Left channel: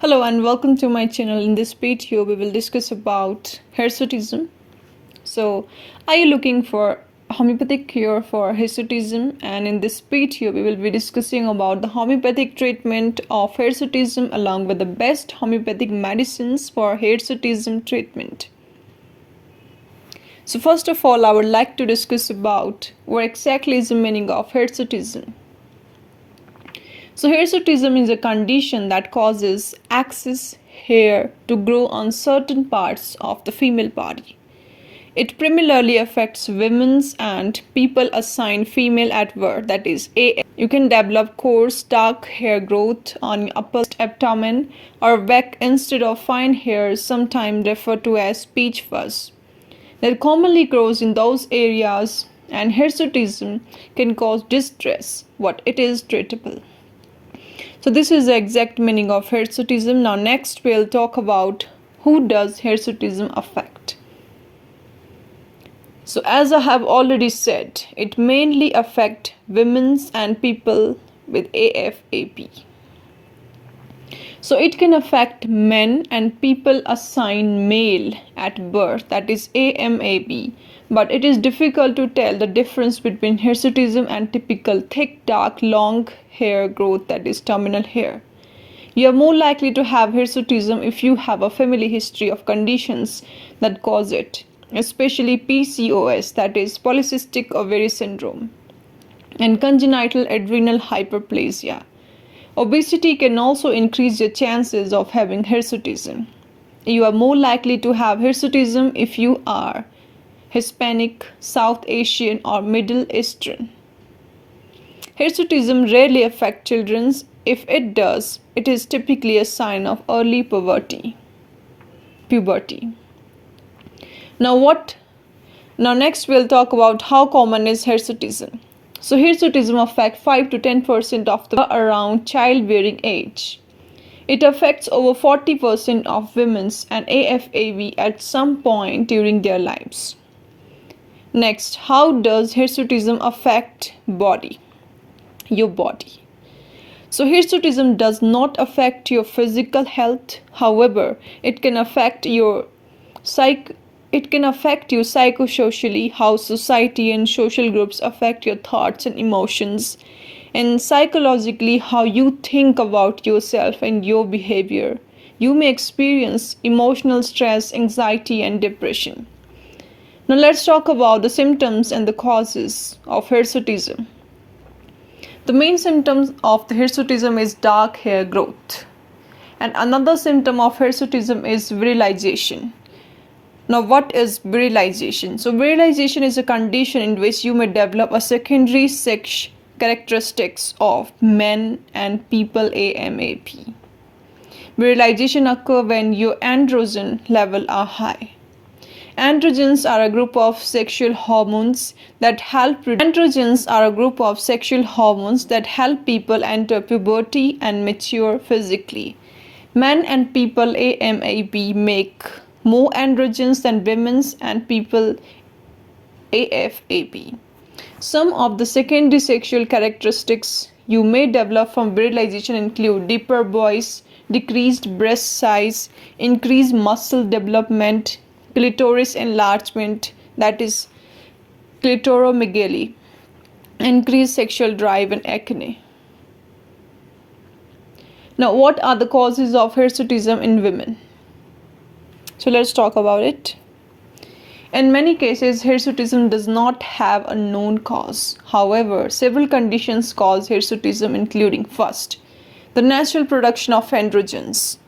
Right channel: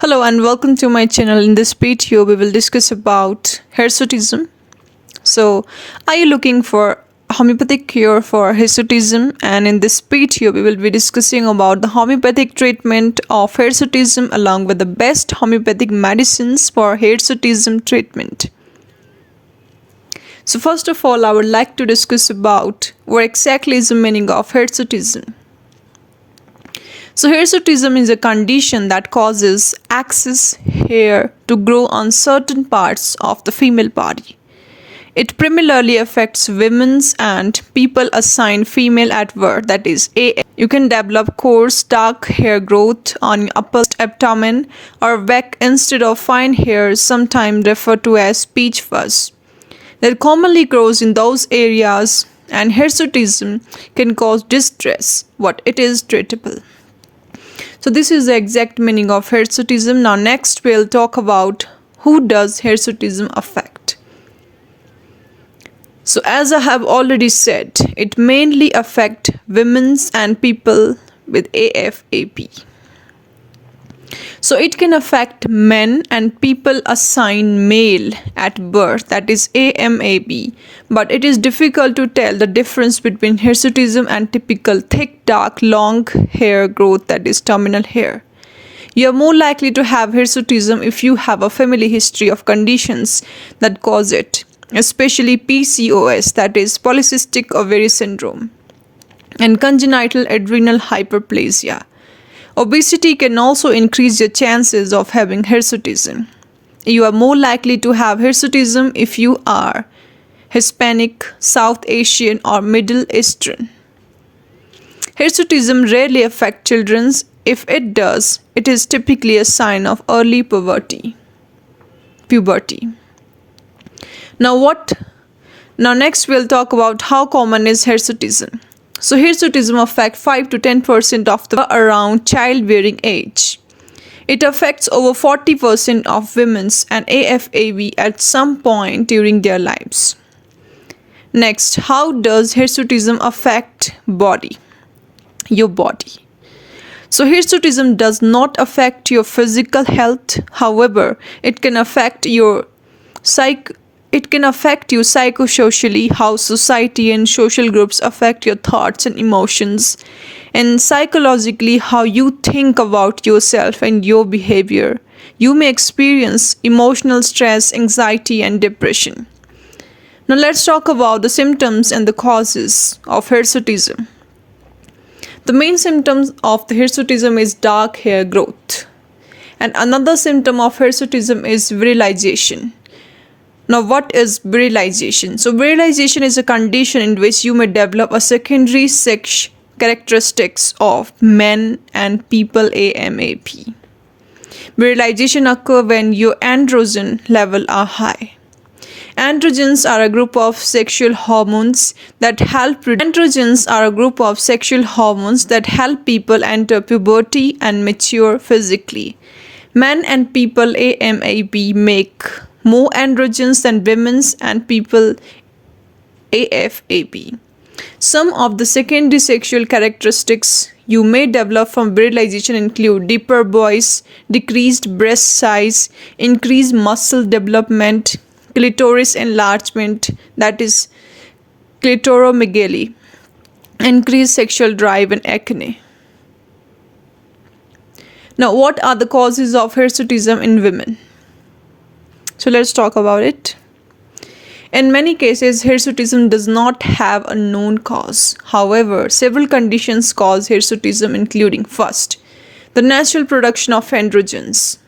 Hello and welcome to my channel. In this video, we will discuss about hirsutism. So, are you looking for homeopathic cure for hirsutism? And in this video, we will be discussing about the homeopathic treatment of hirsutism along with the best homeopathic medicines for hirsutism treatment. So, first of all, I would like to discuss about what exactly is the meaning of hirsutism. So hirsutism is a condition that causes excess hair to grow on certain parts of the female body. It primarily affects women and people assigned female at birth, that is AF. You can develop coarse dark hair growth on your upper abdomen or back instead of fine hair, sometimes referred to as peach fuzz, that commonly grows in those areas, and hirsutism can cause distress, but it is treatable. So this is the exact meaning of hirsutism. Now next we'll talk about who does hirsutism affect. So as I have already said, it mainly affects women and people with AFAP. So it can affect men and people assigned male at birth, that is AMAB, but it is difficult to tell the difference between hirsutism and typical thick, dark, long hair growth, that is terminal hair. You are more likely to have hirsutism if you have a family history of conditions that cause it, especially PCOS, that is polycystic ovary syndrome, and congenital adrenal hyperplasia. Obesity can also increase your chances of having hirsutism. You are more likely to have hirsutism if you are Hispanic, South Asian, or Middle Eastern. Hirsutism rarely affects children. If it does, it is typically a sign of early puberty. Now next we'll talk about how common is hirsutism. So hirsutism affects 5 to 10% of the around childbearing age. It affects over 40% of women and AFAB at some point during their lives. Next, how does hirsutism affect your body? So hirsutism does not affect your physical health. However, it can affect you psychosocially, how society and social groups affect your thoughts and emotions, and psychologically, how you think about yourself and your behavior. You may experience emotional stress, anxiety, and depression. Now let's talk about the symptoms and the causes of hirsutism. The main symptoms of the hirsutism is dark hair growth. And another symptom of hirsutism is virilization. Now, what is virilization? So, virilization is a condition in which you may develop a secondary sex characteristics of men and people AMAP. Virilization occurs when your androgen level are high. Androgens are a group of sexual hormones that help people enter puberty and mature physically. Men and people AMAP make more androgens than women and people AFAP. Some of the secondary sexual characteristics you may develop from virilization include deeper voice, decreased breast size, increased muscle development, clitoris enlargement, that is clitoromegaly, increased sexual drive, and acne. Now, what are the causes of hirsutism in women? So let's talk about it. In many cases, hirsutism does not have a known cause. However, several conditions cause hirsutism, including first, the natural production of androgens.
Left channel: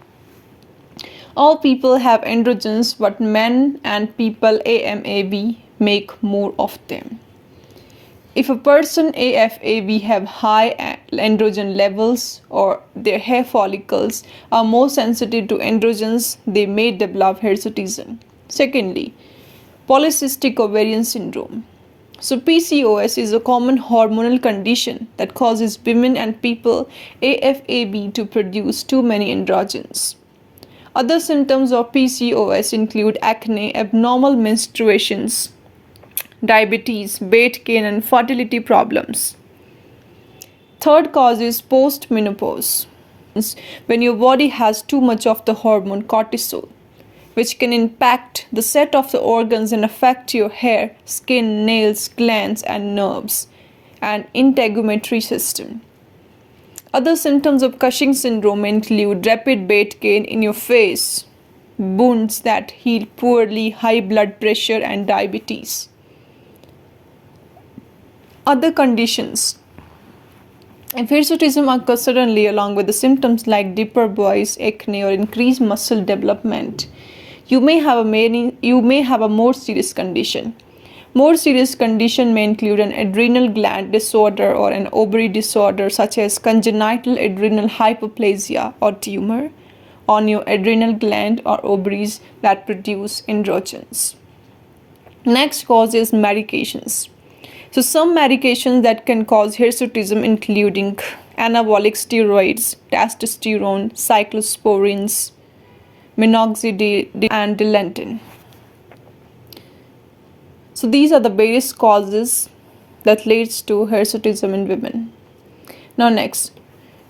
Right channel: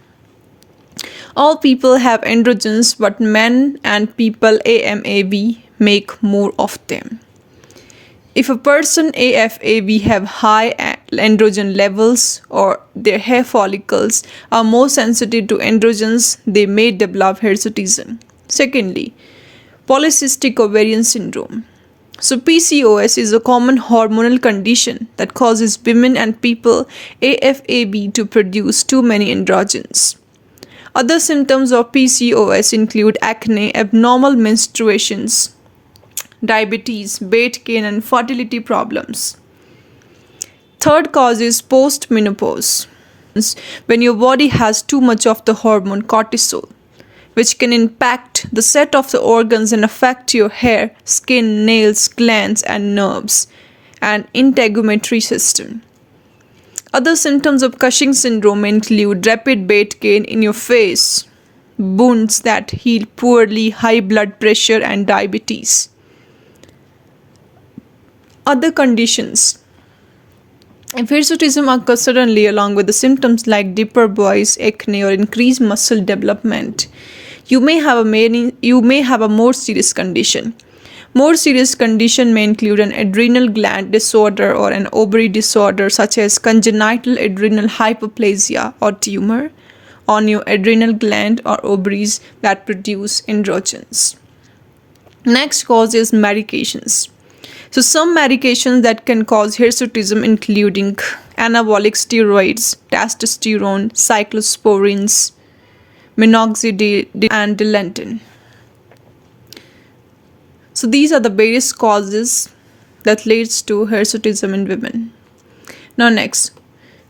All people have androgens, but men and people AMAB make more of them. If a person AFAB have high androgen levels or their hair follicles are more sensitive to androgens, they may develop hirsutism. Secondly, polycystic ovarian syndrome. So PCOS is a common hormonal condition that causes women and people AFAB to produce too many androgens. Other symptoms of PCOS include acne, abnormal menstruations, diabetes, weight gain, and fertility problems. Third cause is postmenopause. when your body has too much of the hormone cortisol, which can impact the set of the organs and affect your hair, skin, nails, glands, and nerves, and integumentary system. Other symptoms of Cushing syndrome include rapid weight gain in your face, wounds that heal poorly, high blood pressure, and diabetes. Other conditions. If hirsutism occurs suddenly along with the symptoms like deeper voice, acne, or increased muscle development, you may have a more serious condition. More serious condition may include an adrenal gland disorder or an ovary disorder such as congenital adrenal hyperplasia or tumor on your adrenal gland or ovaries that produce androgens. Next cause is medications. So some medications that can cause hirsutism including anabolic steroids, testosterone, cyclosporins, minoxidil, and dilantin. So these are the various causes that leads to hirsutism in women. Now next,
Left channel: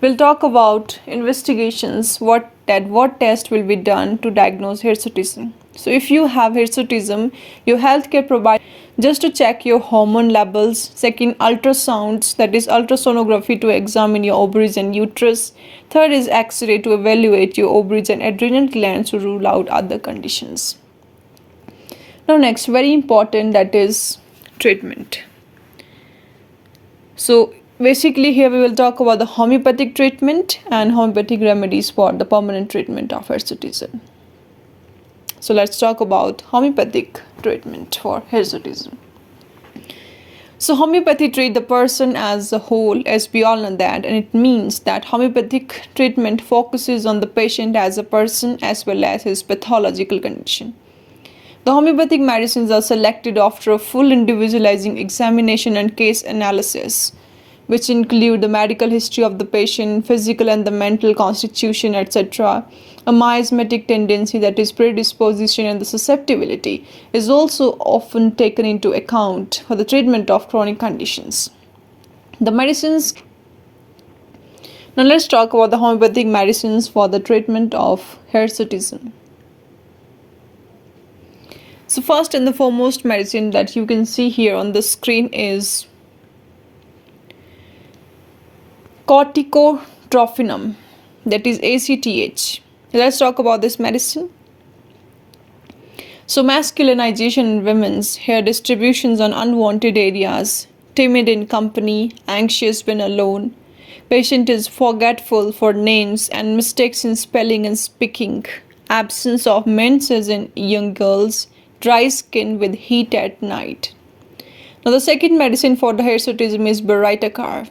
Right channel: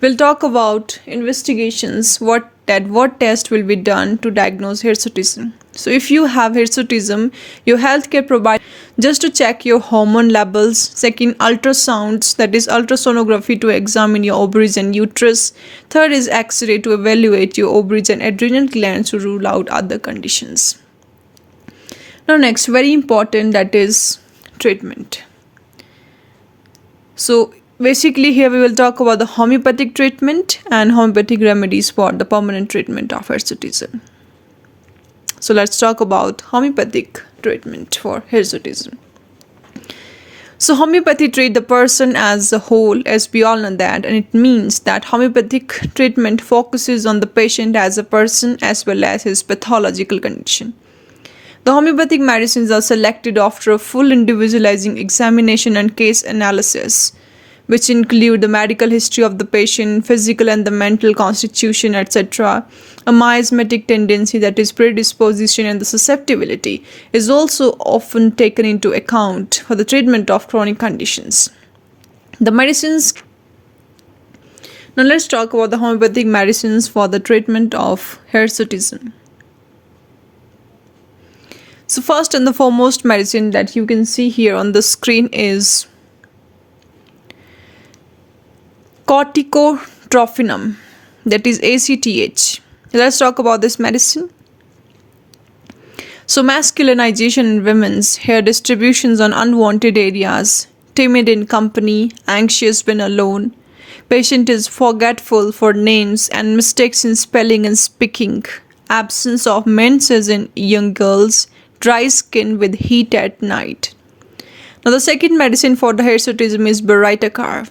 we'll talk about investigations, what test will be done to diagnose hirsutism. So if you have hirsutism, your healthcare provider just to check your hormone levels. Second, ultrasounds, that is ultrasonography to examine your ovaries and uterus. Third is X-ray to evaluate your ovaries and adrenal glands to rule out other conditions. Now next, very important, that is treatment. So basically here we will talk about the homeopathic treatment and homeopathic remedies for the permanent treatment of hirsutism. So let's talk about homeopathic treatment for hirsutism. So homeopathy treat the person as a whole, as we all know that, and it means that homeopathic treatment focuses on the patient as a person as well as his pathological condition. The homeopathic medicines are selected after a full individualizing examination and case analysis, which include the medical history of the patient, physical and the mental constitution, etc. A miasmatic tendency, that is predisposition, and the susceptibility is also often taken into account for the treatment of chronic conditions. The medicines. Now let's talk about the homeopathic medicines for the treatment of hirsutism. So first and the foremost medicine that you can see here on the screen is corticotrophinum, that is ACTH. Let's talk about this medicine. So masculinization in women's hair distributions on unwanted areas, timid in company, anxious when alone, patient is forgetful for names and mistakes in spelling and speaking, absence of menses in young girls, dry skin with heat at night. Now the second medicine for the hirsutism is Beritacar.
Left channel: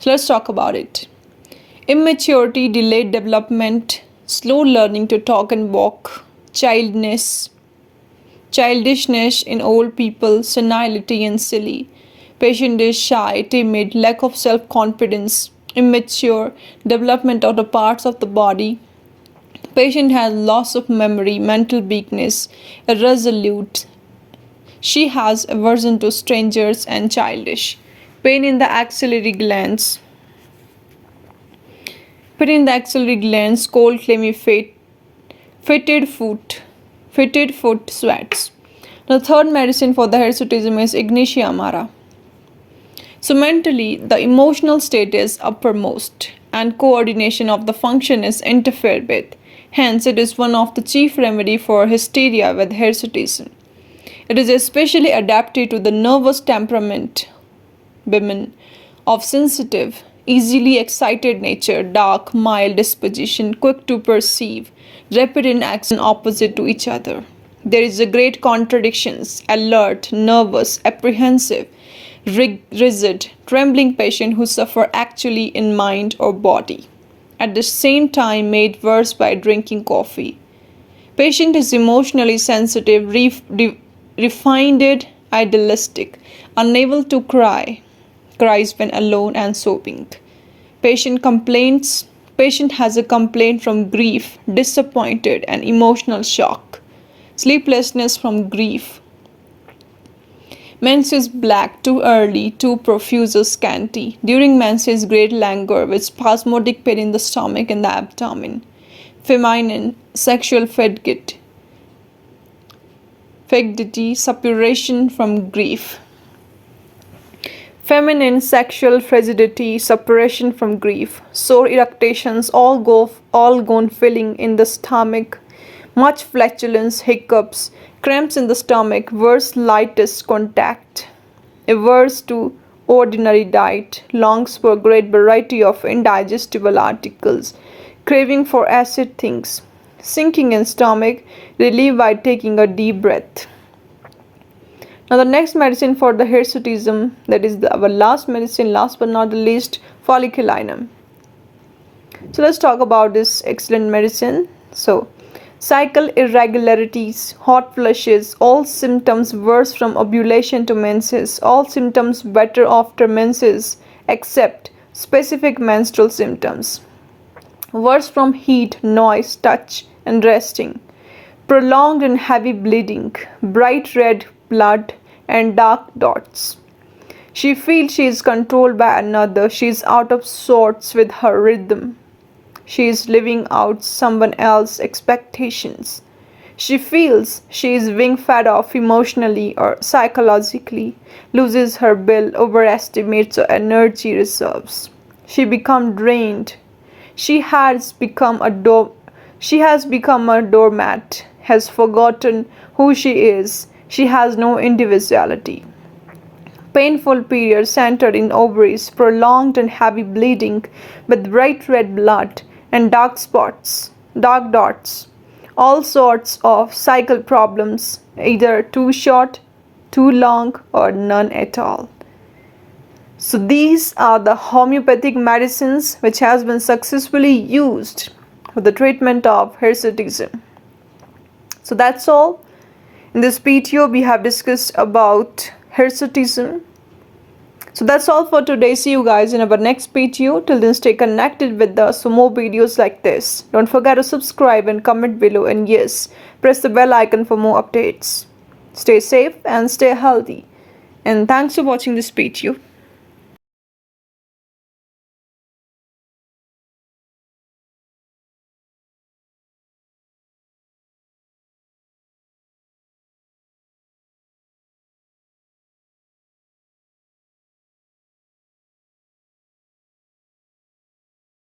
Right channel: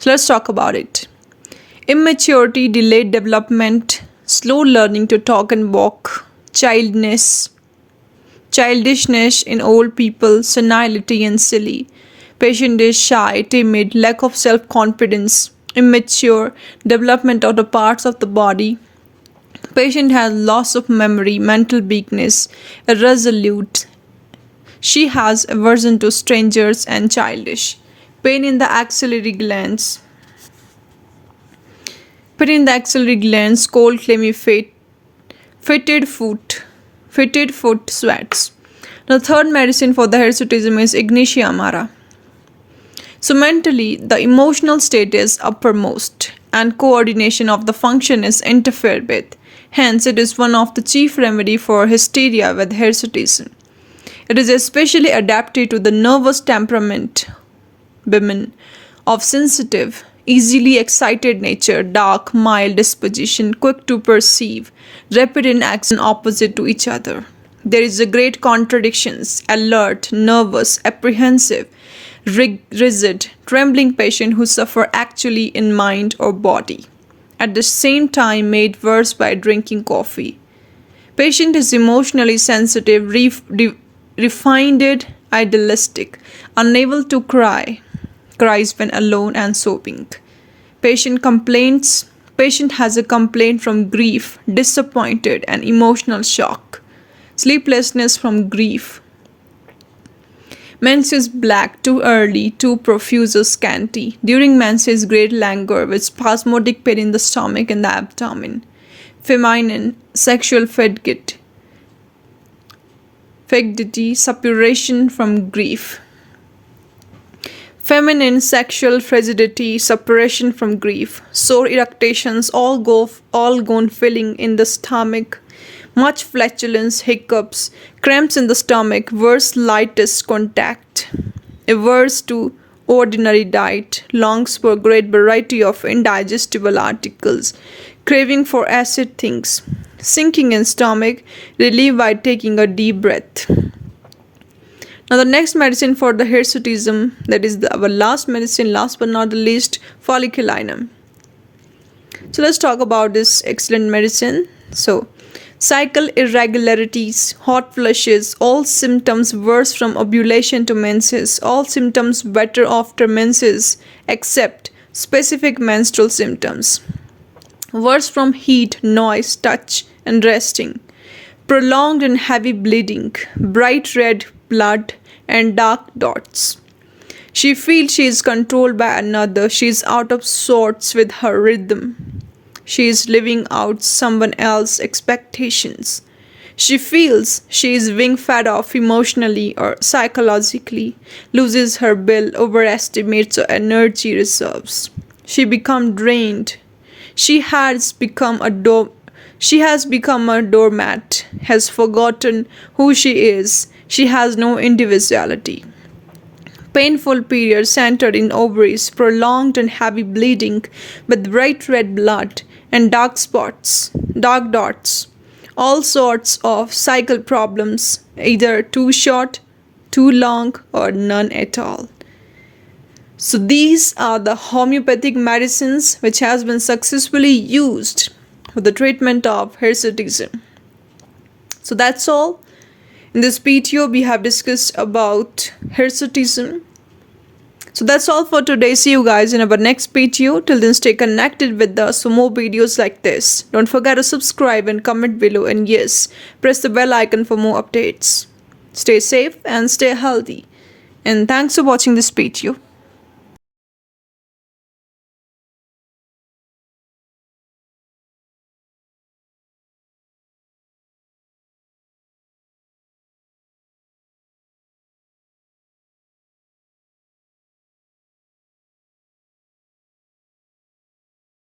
So let's talk about it. Immaturity, delayed development, slow learning to talk and walk, childishness in old people, senility and silly. Patient is shy, timid, lack of self-confidence, immature, development of the parts of the body. Patient has loss of memory, mental weakness, irresolute. She has aversion to strangers and childish. Pain in the axillary glands. Pain in the axillary glands, cold, clammy feet, fitted foot sweats. The third medicine for the hirsutism is Ignatia amara. So mentally, the emotional state is uppermost and coordination of the function is interfered with. Hence, it is one of the chief remedy for hysteria with hirsutism. It is especially adapted to the nervous temperament women of sensitive, easily excited nature, dark, mild disposition, quick to perceive, rapid in action opposite to each other. There is a great contradictions, alert, nervous, apprehensive, rigid, trembling patient who suffer actually in mind or body. At the same time made worse by drinking coffee. Patient is emotionally sensitive, refined, idealistic, unable to cries when alone and sobbing. Patient has a complaint from grief, disappointed and emotional shock, sleeplessness from grief. Menses black, too early, too profuse or scanty. During menses, great languor with spasmodic pain in the stomach and the abdomen. Feminine, sexual fecdity, suppuration from grief. Feminine, sexual frigidity, suppuration from grief. Sore eructations, all gone filling in the stomach. Much flatulence, hiccups, cramps in the stomach, worse lightest contact. Averse to ordinary diet, longs for a great variety of indigestible articles, craving for acid things, sinking in stomach, relieved by taking a deep breath. Now the next medicine for the hirsutism, that is our last medicine, last but not the least, folliculinum. So let's talk about this excellent medicine. So, cycle irregularities, hot flushes, all symptoms worse from ovulation to menses, all symptoms better after menses except specific menstrual symptoms. Worse from heat, noise, touch, and resting. Prolonged and heavy bleeding, bright red blood, and dark dots. She feels she is controlled by another. She is out of sorts with her rhythm. She is living out someone else's expectations. She feels she is being fed off emotionally or psychologically, loses her will, overestimates her energy reserves. She becomes drained. She has become a doormat, has forgotten who she is. She has no individuality. Painful period centered in ovaries, prolonged and heavy bleeding with bright red blood and dark dots. All sorts of cycle problems, either too short, too long, or none at all. So these are the homeopathic medicines which has been successfully used for the treatment of hirsutism. So that's all. In this video, we have discussed about hirsutism. So that's all for today. See you guys in our next video. Till then, stay connected with us for more videos like this. Don't forget to subscribe and comment below. And yes, press the bell icon for more updates. Stay safe and stay healthy. And thanks for watching this video.